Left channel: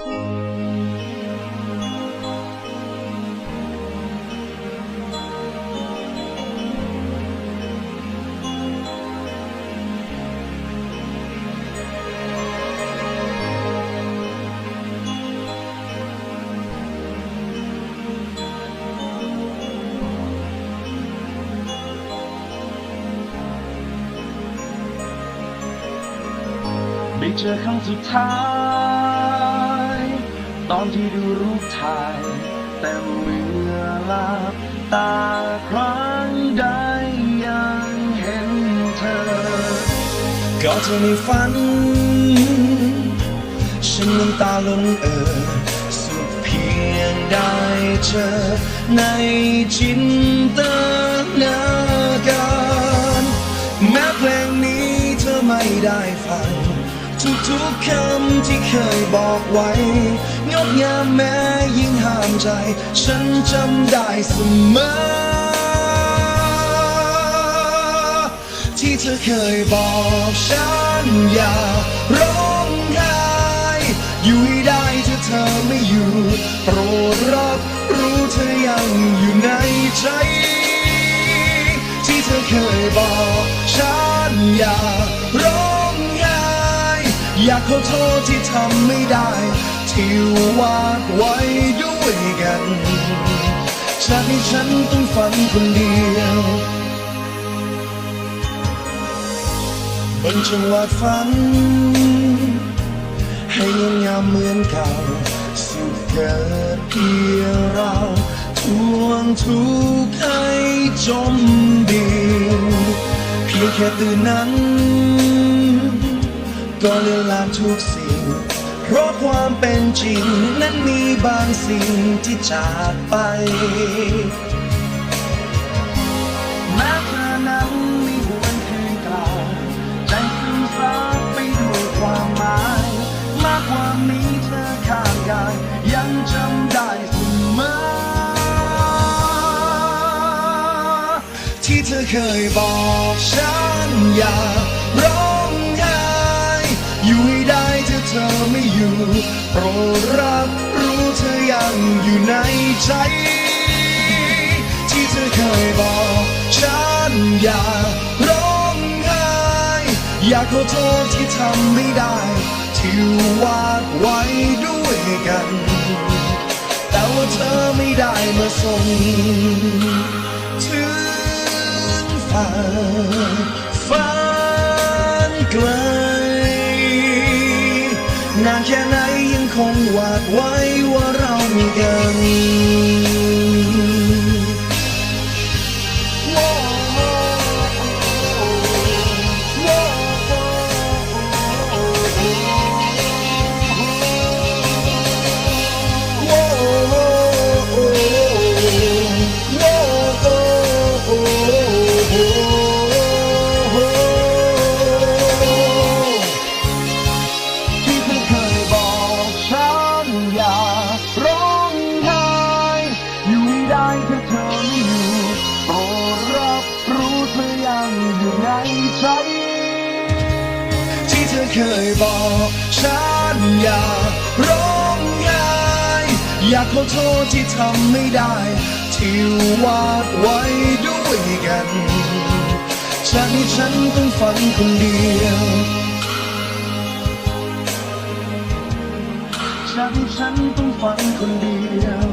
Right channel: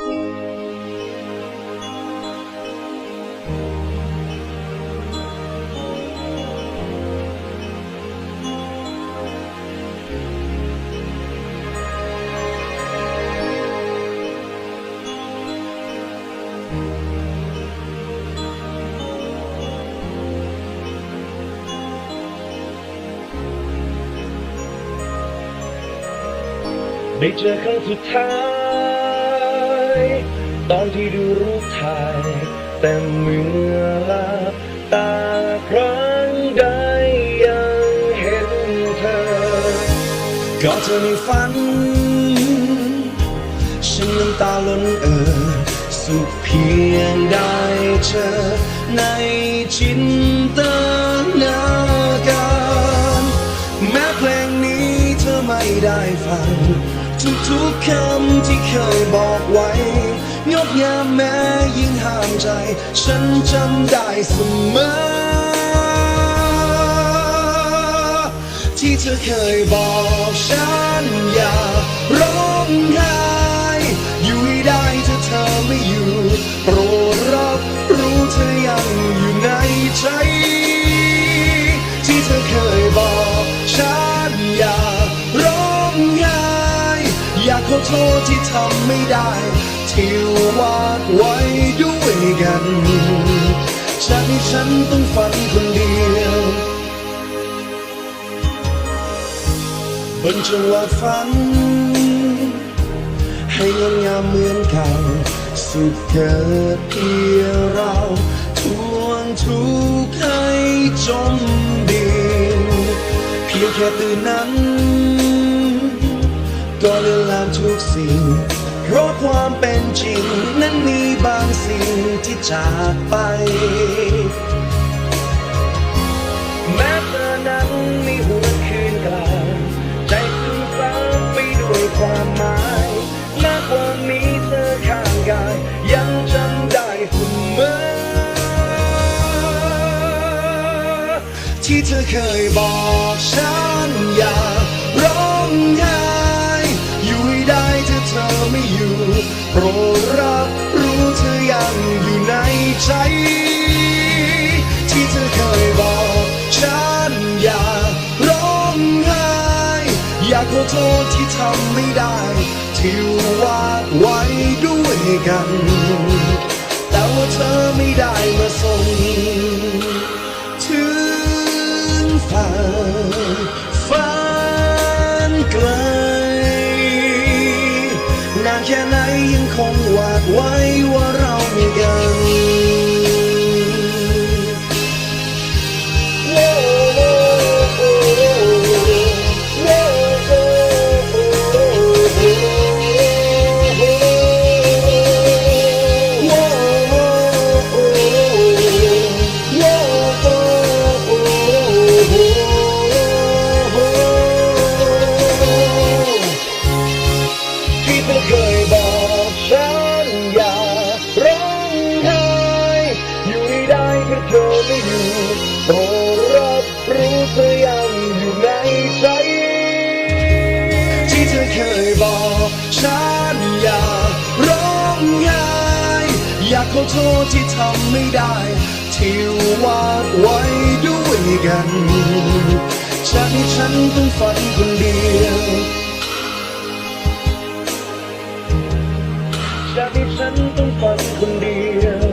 ได้เจอครั้งสุดท้าย ตอนที่ดูรูปถ่าย แต่เมื่อลับตาครั้งใดยังเห็นเธอ ก็เธอในฝัน ฉันน้ำตาล้นเอ่อสุขเพียงได้เจอในจินตนาการ แม้เพลงนี้เธอไม่ได้ฟัง ทุกๆคำที่เคยบอกไว้ งดงามแม้ยิ่งห้ามใจ ฉันจำได้เสมอ ที่เธอเคยบอกฉันอย่าร้องไห้อยู่ให้ได้ถ้าเธอไม่อยู่ โปรดรับรู้เธอยังอยู่ในใจ ที่เธอเคยบอกฉันอย่า อยากขอโทษที่ทำไม่ได้ ที่วาดไว้ด้วยกันจากนี้ฉันต้องฝันคนเดียวบนจังหวะฝัน ให้งดงามเหมือนเก่า สุขเกิดเพียงเราทวงทุกข์ให้จมดินเพียงแค่ตื่นนั้น ก็เลือนลางทุกสิ่ง เพราะความเป็นจริง นั้นมีบางสิ่งที่จากไป แม้เธอนั้นไม่หวนคืนกลับใจซึมซับไปด้วยความหมาย มากกว่ามีเธอข้างกาย ยังจำได้เสมอที่เธอเคยบอกฉันอย่ารอ โปรดรับรู้เธอยังอยู่ในใจ ที่เธอเคยบอกฉันอย่าร้องไห้ อยากขอโทษที่ทำไม่ได้ ที่วาดไว้ด้วยกัน แต่ว่าเธอไม่ได้มาส่งถึงฝั่งฝันไกล นานแค่ไหนยังคงหวาดไว้ว่าเรามีกัน เธอเคยบอกฉันอย่าร้องไห้อยู่ให้ได้ถ้าเธอไม่อยู่โปรดรับรู้เธอยังอยู่ในใจ ที่เธอเคยบอกฉันอย่าร้องไห้อยากขอโทษที่ทำไม่ได้ ที่วาดไว้ด้วยกันจากนี้ฉันต้องฝันคนเดียว จากที่ฉันต้องฝันคนเดียว